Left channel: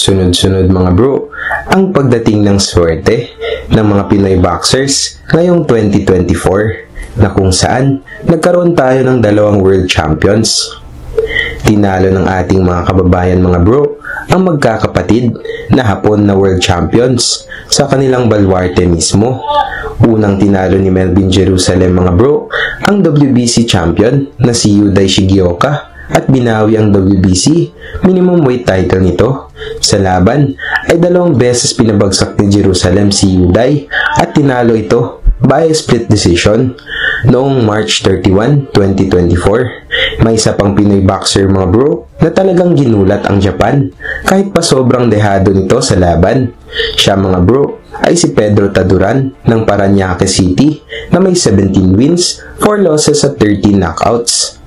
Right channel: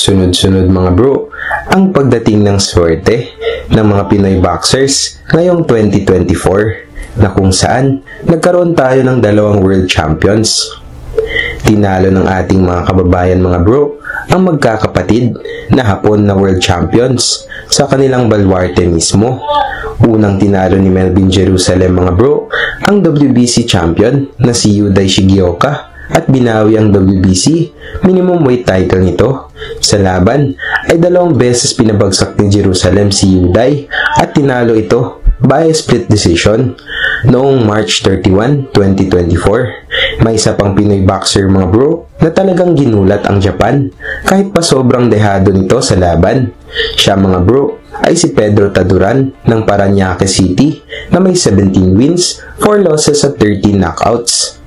Sunod-sunod mga bro, ang pagdating ng swerte ng mga Pinoy boxers ngayong 2024 na kung saan nagkaroon tayo ng dalawang world champions. Tinalo ng ating mga kababayan mga bro ang magkakapatid na Hapon na world champions sa kanilang baluarte mismo. Unang tinalo ni Melvin Jerusalem mga bro ang WBC champion na si Yuday Shigeoka at binawi ang WBC minimum weight title nito. Sa laban ay 2 beses pinabagsak ni Jerusalem si Yuday at tinalo ito by split decision noong March 31, 2024. May isa pang Pinoy boxer mga bro na talagang ginulat ang Japan kahit pa sobrang dehado nito sa laban. Siya mga bro ay si Pedro Taduran ng Parañaque City na may 17 wins, 4 losses at 13 knockouts.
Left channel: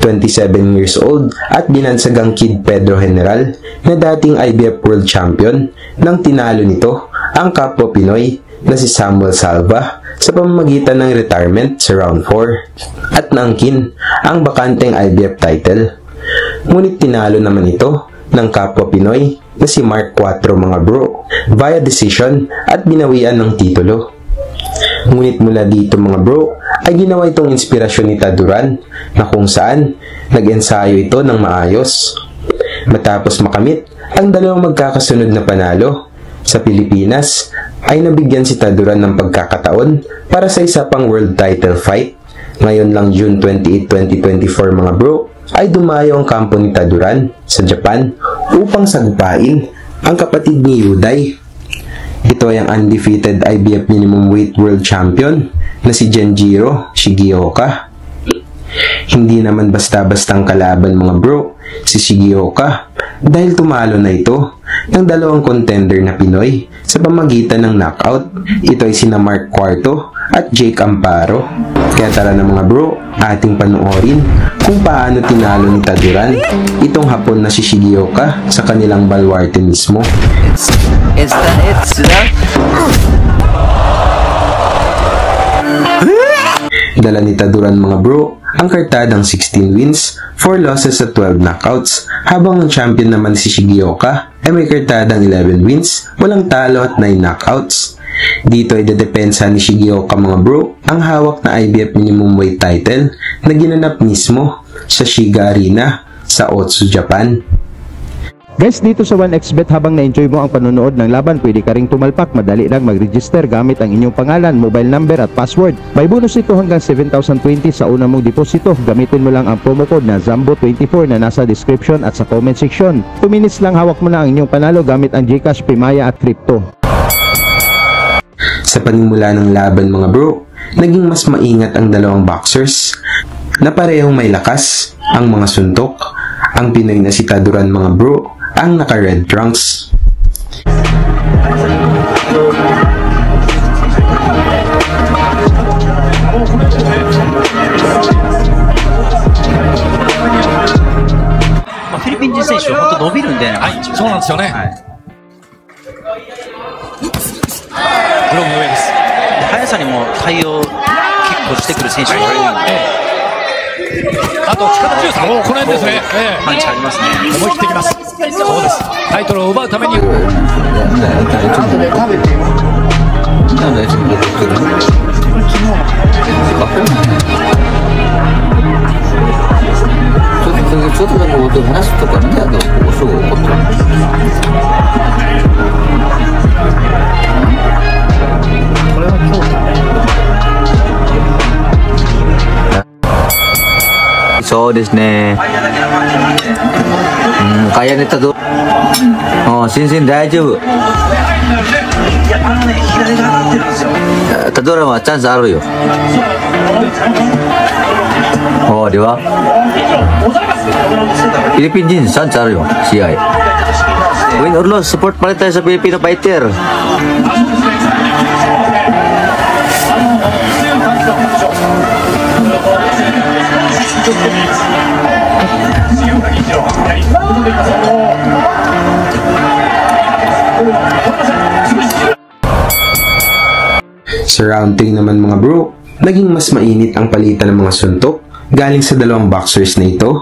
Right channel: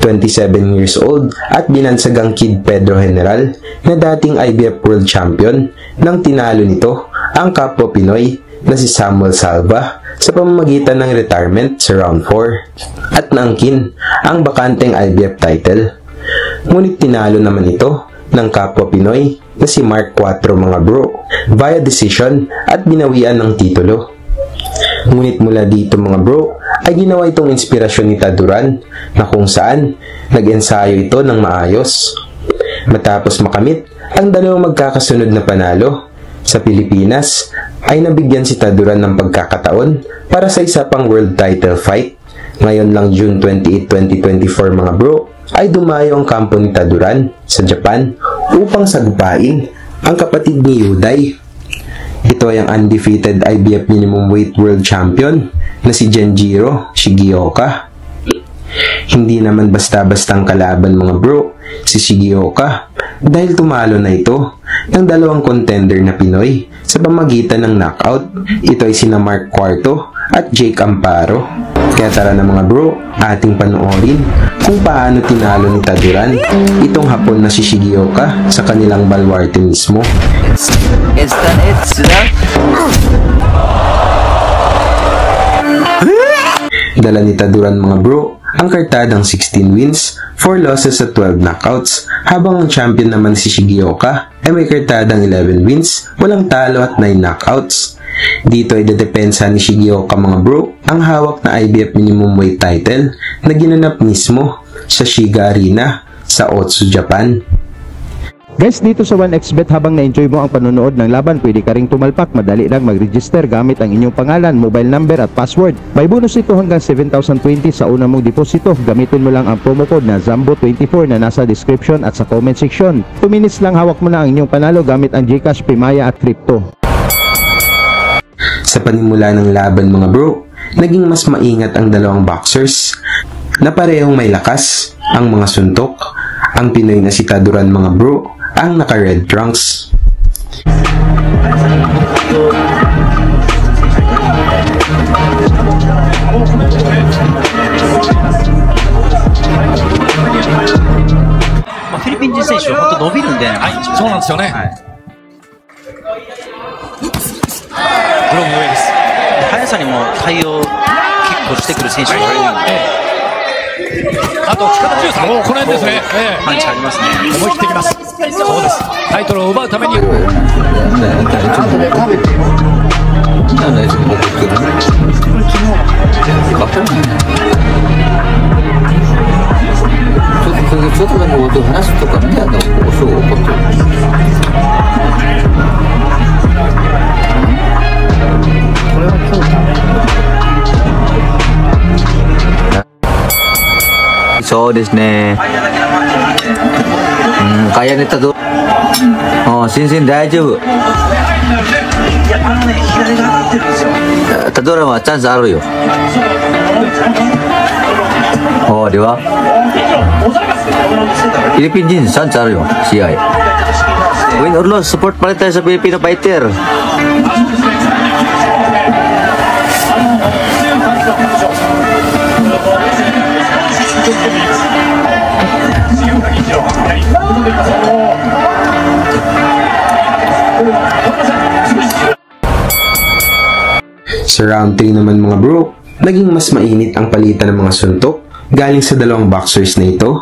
27 years old at binansagang Kid Pedro General na dating IBF World Champion nang tinalo nito ang kapwa Pinoy na si Samuel Salva sa pamamagitan ng retirement sa round 4 at naangkin ang bakanteng IBF title. Ngunit tinalo naman ito ng kapwa Pinoy na si Mark Cuatro mga bro via decision at binawian ng titulo. Ngunit mula dito mga bro ay ginawa itong inspirasyon ni Taduran na kung saan nag-ensayo ito ng maayos. Matapos makamit ang dalawang magkakasunod na panalo sa Pilipinas ay nabigyan si Taduran ng pagkakataon para sa isa pang world title fight. Ngayon lang June 28, 2024 mga bro ay dumayo ang kampo ni Taduran sa Japan upang sagupain ang kapatid ni Yuday. Ito ay ang undefeated IBF minimum weight world champion na si Genjiro Shigeoka. Hindi naman basta-bastang kalaban mga bro si Shigeoka dahil tumalo na ito ng 2 contender na Pinoy sa pamagitan ng knockout. Ito ay sina Mark Cuarto at Jake Amparo. Kaya tara na mga bro, ating panoorin kung paano tinalo ni Taduran itong Hapon na si Shigeoka sa kanilang baluarte mismo. Dala ni Taduran mga bro ang kartadang 16 wins, 4 losses at 12 knockouts, habang ang champion naman si Shigeoka ay may kartadang 11 wins, walang talo at 9 knockouts. Dito ay dedepensa ni Shigeoka mga bro ang hawak na IBF minimum weight title na ginanap mismo sa Shiga Arena sa Otsu, Japan. Guys, dito sa 1xBet, habang na-enjoy mo ang panonood ng laban, pwede ka ring tumalpak. Madali lang mag-register gamit ang inyong pangalan, mobile number at password. May bonus ito hanggang 7,020 sa una mong deposito. Gamitin mo lang ang promo code na ZAMBO24 na nasa description at sa comment section. 2 minutes lang hawak mo na ang inyong panalo gamit ang GCash, Paymaya at Crypto. Sa panimula ng laban mga bro, naging mas maingat ang dalawang boxers na parehong may lakas ang mga suntok. Ang Pinoy na si Taduran mga bro ang naka-red trunks. Philippine選手は伸びるんで、はい、そうなんですよね。ブロンの上です。速さにも対応キックしてくる選手が多いので。あと力強さもこの辺ですね。パンチありますね。思い切ってきます。そうです。タイトルを奪うために。そうですね。kaya nito to. Sinsin大丈夫。Taduranはチャンスあるよ。di ba? Philippine Jeans, chanceあるよ。Win or loss, support pa rin tayo sa Filipino fighter. Sa round 3 naman mga bro, naging mas mainit ang palitan ng mga suntok galing sa dalawang boxers na ito.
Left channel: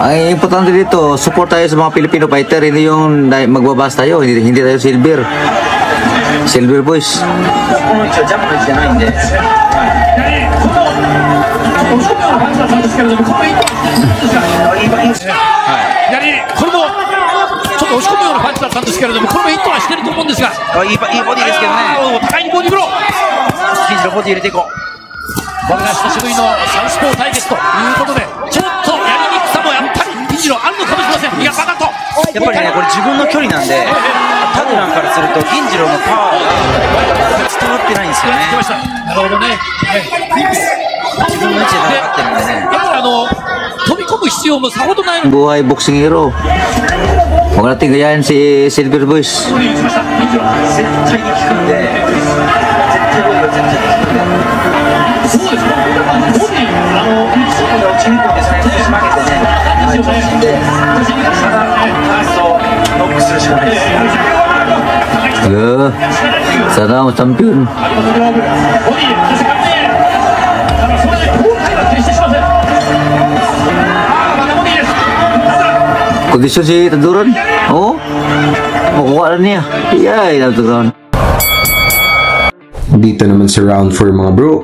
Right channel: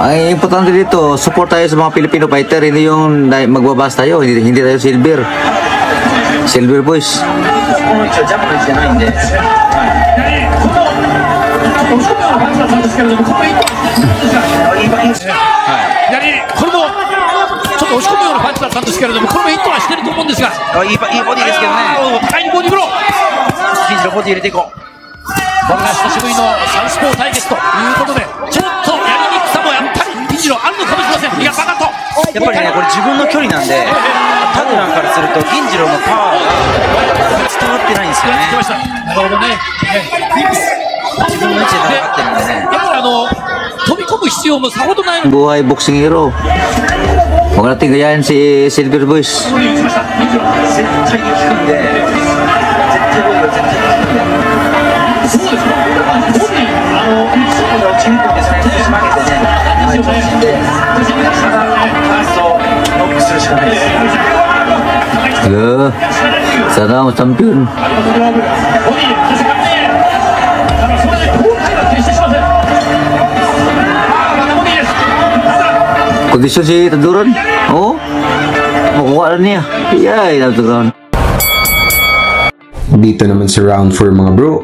Ay, importante dito, support tayo sa mga Filipino fighter, hindi yung magbabas tayo, hindi tayo silver. Silver boys. Buhay boxing hero. Huwag natin kayahin si Silver Boys. Sana ako champion. Kondisyon si Taduran? Oo. Makuha na niya. Yay, Taduran. Dito naman sa round 4 mga bro,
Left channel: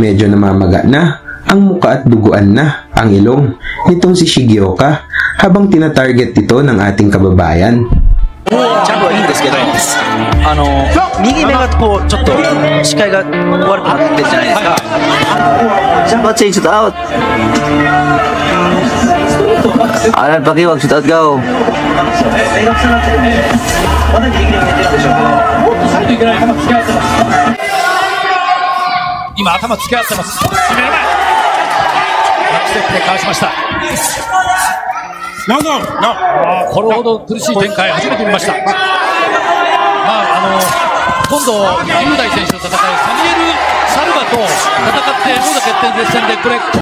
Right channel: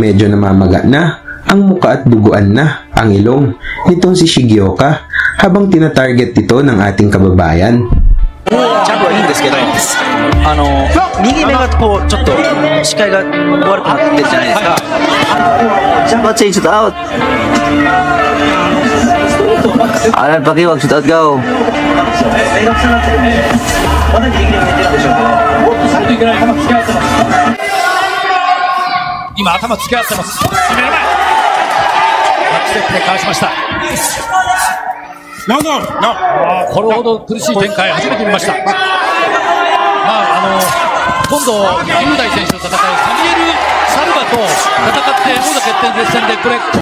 medyo namamaga na ang muka at duguan na ang ilong nitong si Shigioka habang tinatarget ito ng ating kababayan. Change it out. Ayaw pakiwag, shoot out go.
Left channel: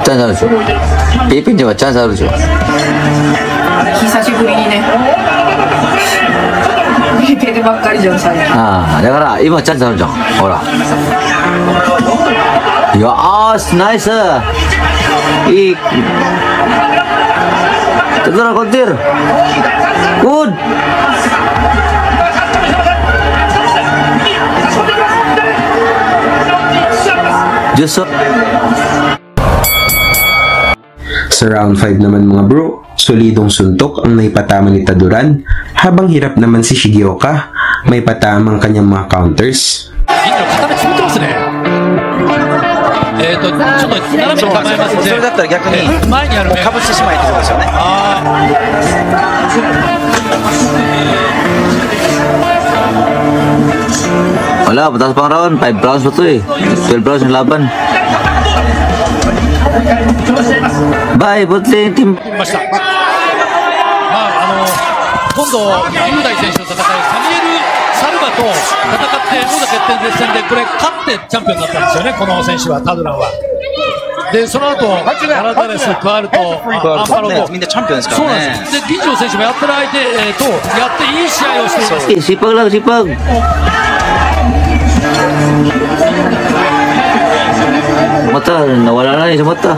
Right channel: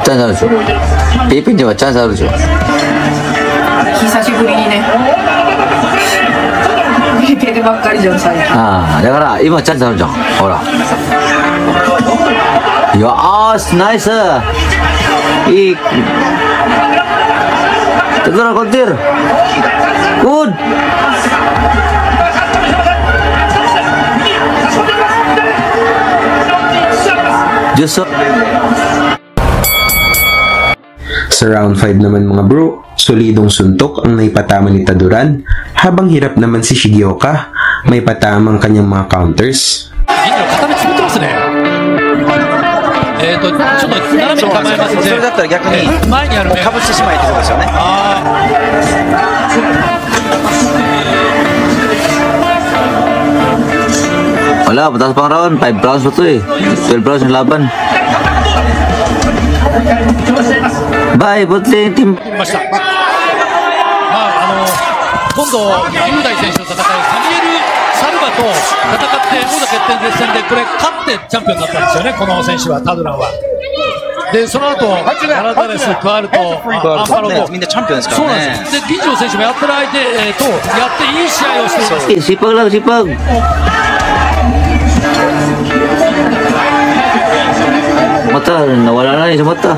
찬스 피핀 찬스 하루죠. 久しぶりにね。いい経験ばっかりじゃん、それ。だから今チャンスあるじゃん。ほら。よーし、ナイス。いい。Tengah kontir. Wood. Jusok. Sa round 5 naman mga bro, solidong suntok ang naipatama ni Taduran habang hirap naman si Shigioka may patamang kanyang mga counters. Wala, batas pang round, 5 rounds na tayo. 12 rounds ng laban. Bye, buti team. で、その後、カナダレスが加わると、アンパローみんなチャンピオンですからね。で、銀城選手もやってる相手と、やっていい試合をしています。Sipag lang, sipag. Mata, nawala na rin sa mata.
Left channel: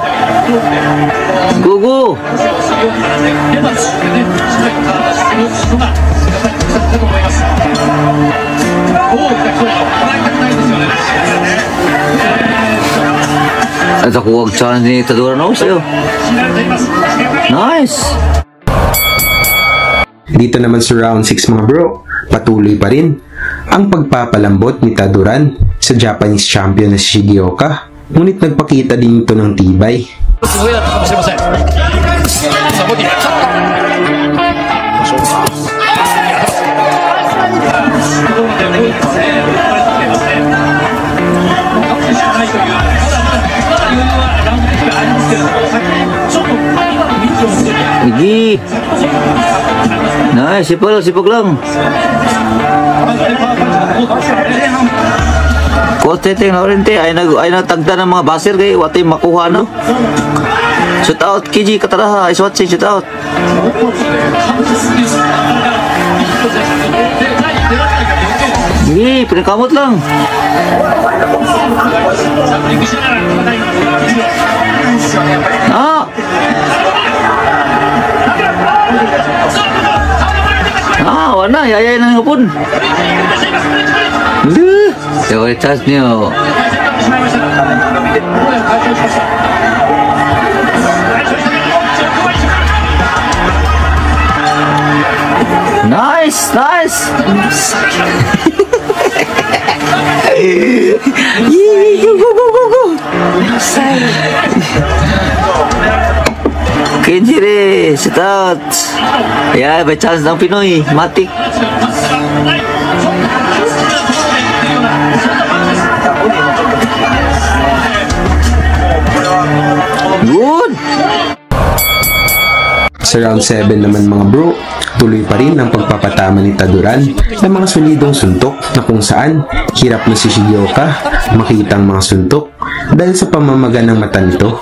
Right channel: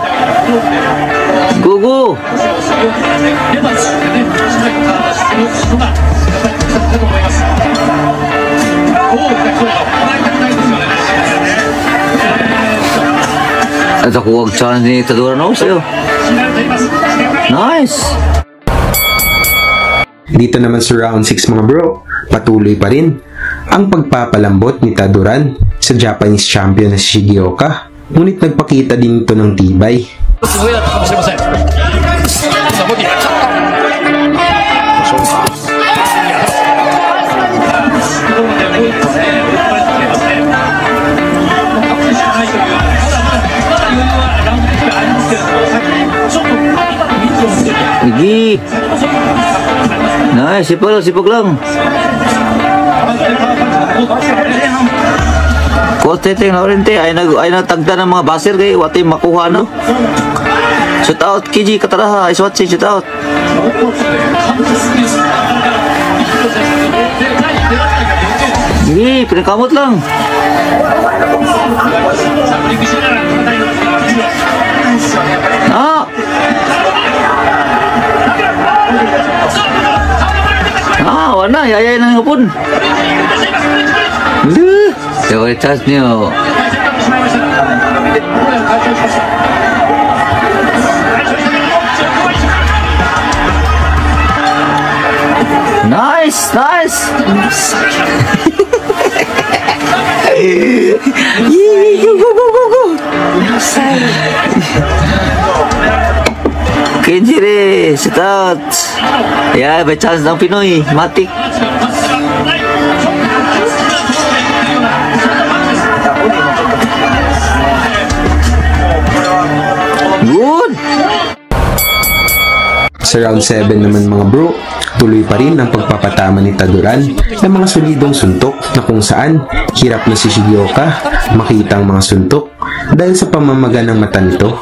Go, go! At ako huwag siya hindi talunan ako sa'yo. Nice! Dito naman sa round 6 mga bro, patuloy pa rin ang pagpapalambot ni Taduran sa Japanese champion na si Shigioka, ngunit nagpakita din ito ng tibay. Lagi. Nice, sipag lang. Kote tayo rin tayo na tagda ng mga baser kayo, watay makuha na. Shoot out, Kiji, kataraha, iswatch, shoot out. Sige, pinakamot lang. Wala, yaya na nga po. Yung chance niyo. Nice! Kenjire, sikat. Ya, may chance ng Pinoy. Matik. Good! Sa round 7 naman mga bro, tuloy pa rin ang pagpapatama ni Taduran ng mga solidong suntok na kung saan hirap na si Shigioka makita ang mga suntok dahil sa pamamaga ng mata nito.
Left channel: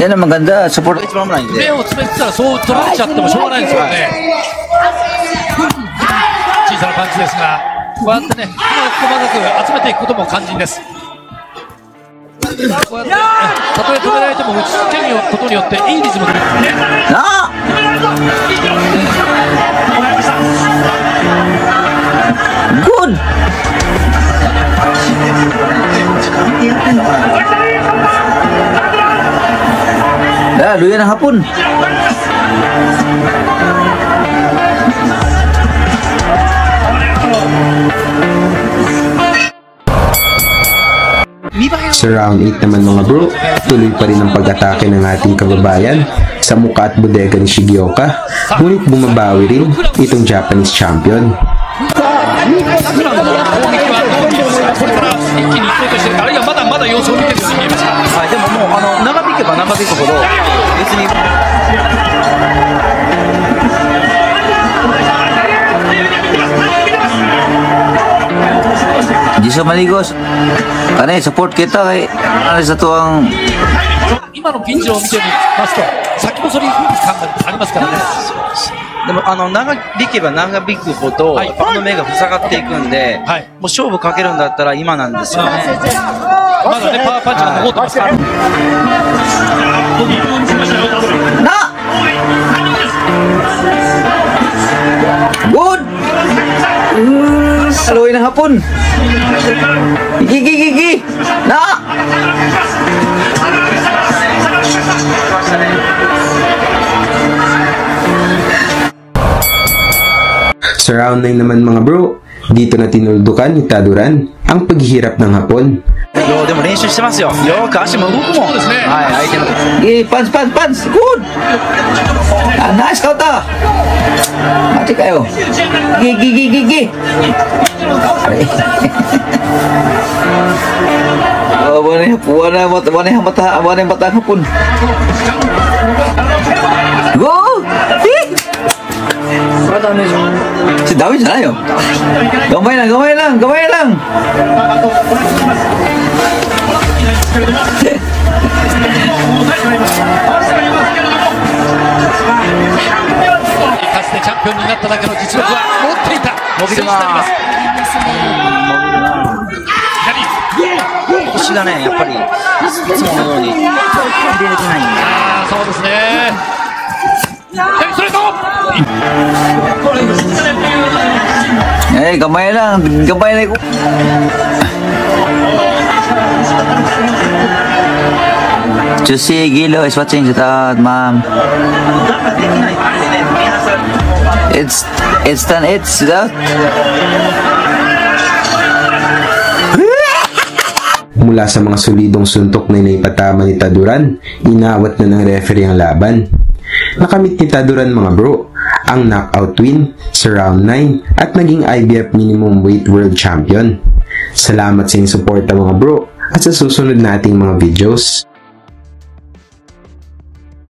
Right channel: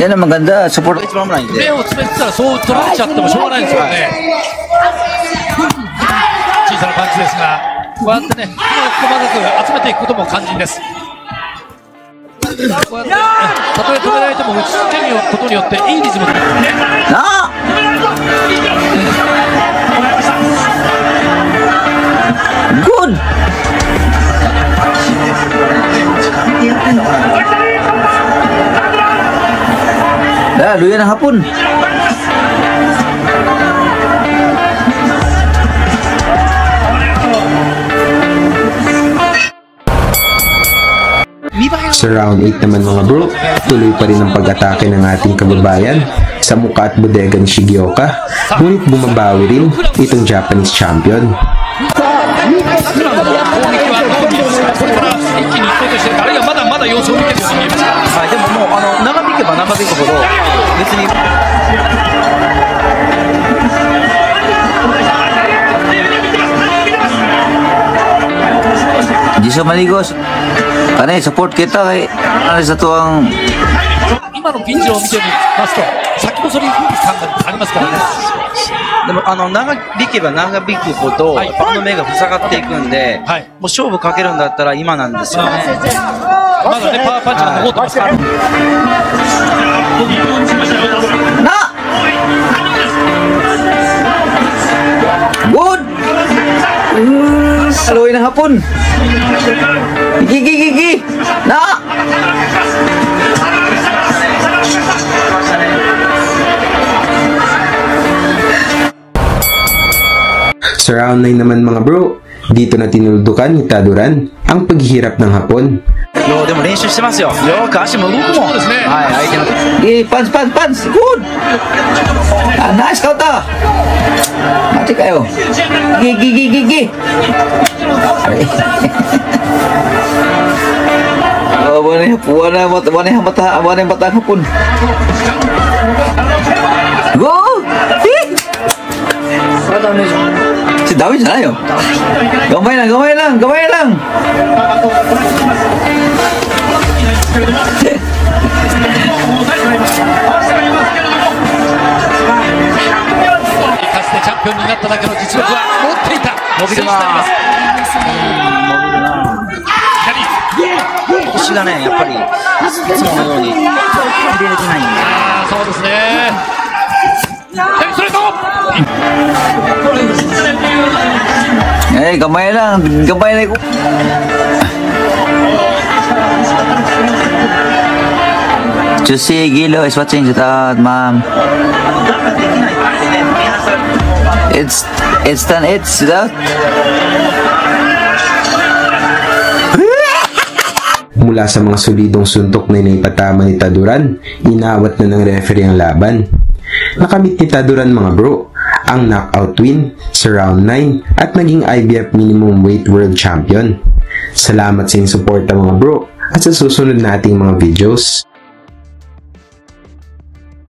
Yan ang maganda. Support. 目をつぶってそう取られちゃってもしょうがないですよね。小さなパンチですが、こうやってね、手を集めていくことも肝心です。こうやって、たとえ止められても打ち続けることによっていいリズムで。Good! Lalo yan ang hapon. Sa round 8 naman mga bro, tuloy pa rin ang pag-atake ng ating kababayan sa mukha at bodega ni Shigioka, ngunit bumabawi rin itong Japanese champion. Di sa maligos. Panay, support kita kay sa tuwang 今の現状を見てみますと、先もそれに感がありますからね。でも長引けば長引くほど頭の目が塞がっていくんで、もう勝負かけるんだったら今なんですよね。まだね、パワーパンチが残ってますから。Good! Slow lang hapon. Gigi! Na! Sa round 9 naman mga bro, dito na tinuldukan ni Taduran ang paghihirap ng hapon. でも練習してますよ。よく足も1本ですね。はい、相手の。パンチ Good! Nice counter! Mati kayo. Gigi! Buwan na yung bata hapon. Go! Dami sila yun. Gamay lang.かつてチャンピオンになっただけの実力は持っていた。腰がね、やっぱりいつものように入れれてないんで。そうですね。Gamay lang. Jesse Gilo is watching it out, ma'am. It's done. It's that. Mula sa mga solidong suntok na inaipatama ni Taduran, inawat na ng referee ang laban. Nakamit ni Taduran mga bro ang knockout win sa round 9 at naging IBF minimum weight world champion. Salamat sa inyong suporta mga bro at sa susunod nating mga videos.